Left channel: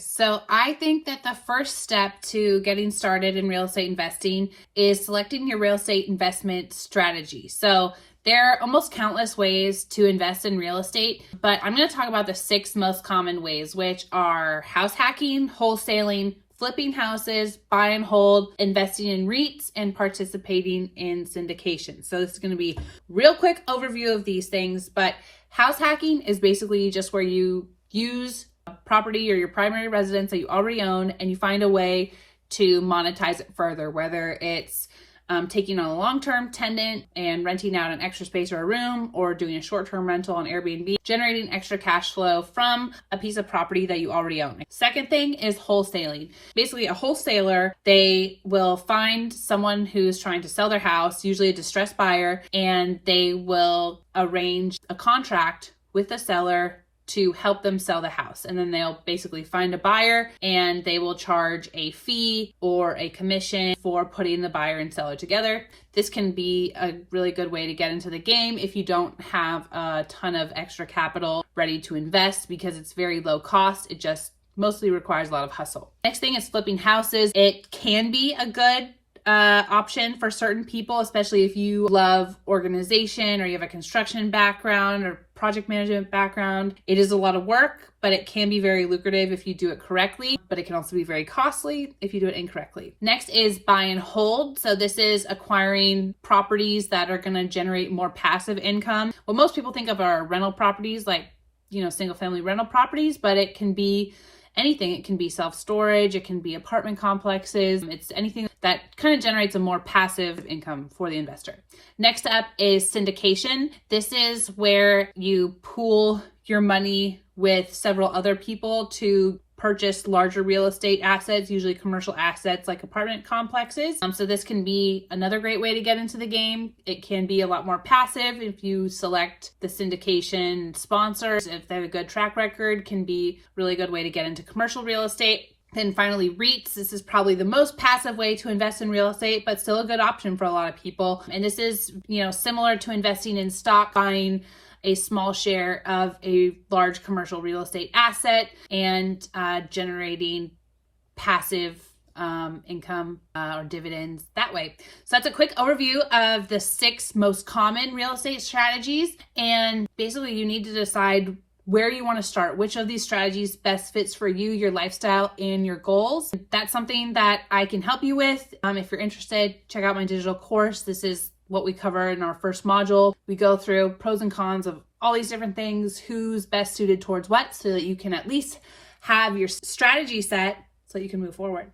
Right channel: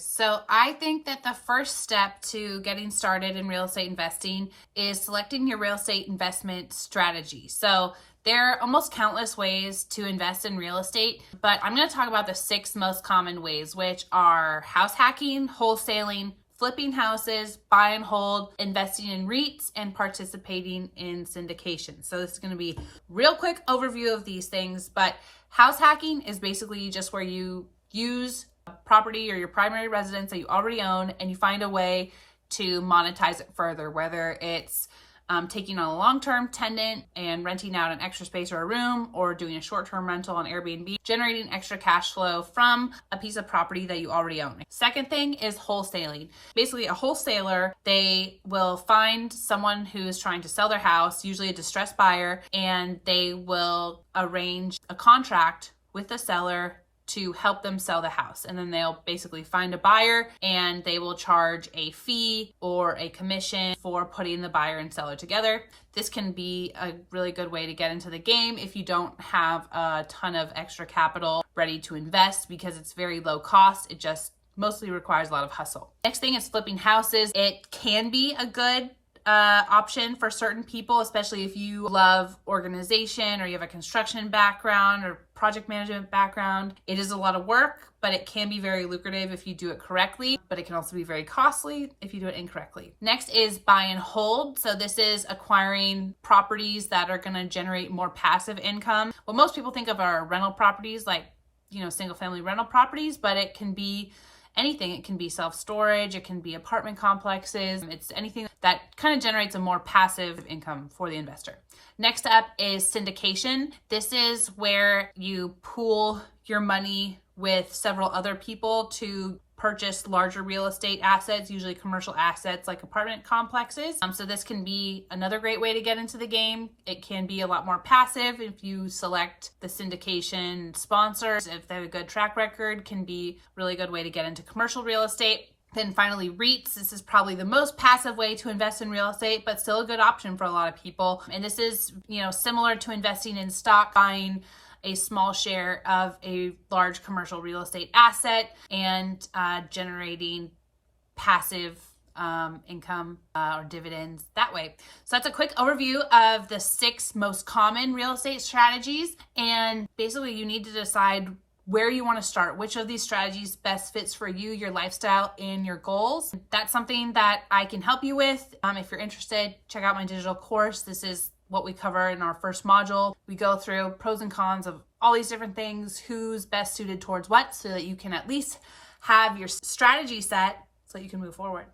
guys. So I think that the first step to getting started in real estate investing is selecting your real estate investment strategy. So there are almost countless ways to invest in real estate, but I'm going to talk about the 6 most common ways, which are house hacking, wholesaling, flipping houses, buy and hold, investing in REITs, and participating in syndication. So this is going to be real quick overview of these things, but house hacking is basically just where you use a property or your primary residence that you already own and you find a way to monetize it further, whether it's taking on a long-term tenant and renting out an extra space or a room, or doing a short-term rental on Airbnb, generating extra cash flow from a piece of property that you already own. Second thing is wholesaling. Basically, a wholesaler, they will find someone who's trying to sell their house, usually a distressed buyer, and they will arrange a contract with the seller to help them sell the house. And then they'll basically find a buyer and they will charge a fee or a commission for putting the buyer and seller together. This can be a really good way to get into the game if you don't have a ton of extra capital ready to invest, because it's very low cost. It just mostly requires a lot of hustle. Next thing is flipping houses. It can be a good option for certain people, especially if you love organization or you have a construction background or project management background. It is a lot of work, but it can be very lucrative if you do it correctly, but it can also be very costly if you do it incorrectly. Next is buy and hold. So this is acquiring properties that are going to generate more passive income. What most people think of are rental properties, like, single family rental properties, but it can be anything. It can be self-storage, it can be apartment complexes. It's anything that kind of generates a more passive income for the investor. Next up is syndication. This is where you pool your money with several other people to purchase larger real estate assets, usually commercial assets like apartment complexes. So this can be another great way to get into the game. It can be a lot more passive if you select the syndication sponsors. If they have a good track record, can be a really good way to get into commercial real estate. Then finally, REITs. This is probably the most passive way to invest in real estate, but still a good option for a lot of people. And this is, similar to investing in stock, buying a small share of a large commercial real estate asset and generating passive income or dividends that way. So that's a quick overview of the 6 most common real estate strategies. And basically you need to decide where you want to start, which of these strategies best fits for you, your lifestyle, and your goals. That's something that I can help you with. If you're interested, check out my digital course. This is what we cover in our first module. We go through pros and cons of all these different things, who's best suited towards what, so that you can at least have your strategy set so that you can move forward.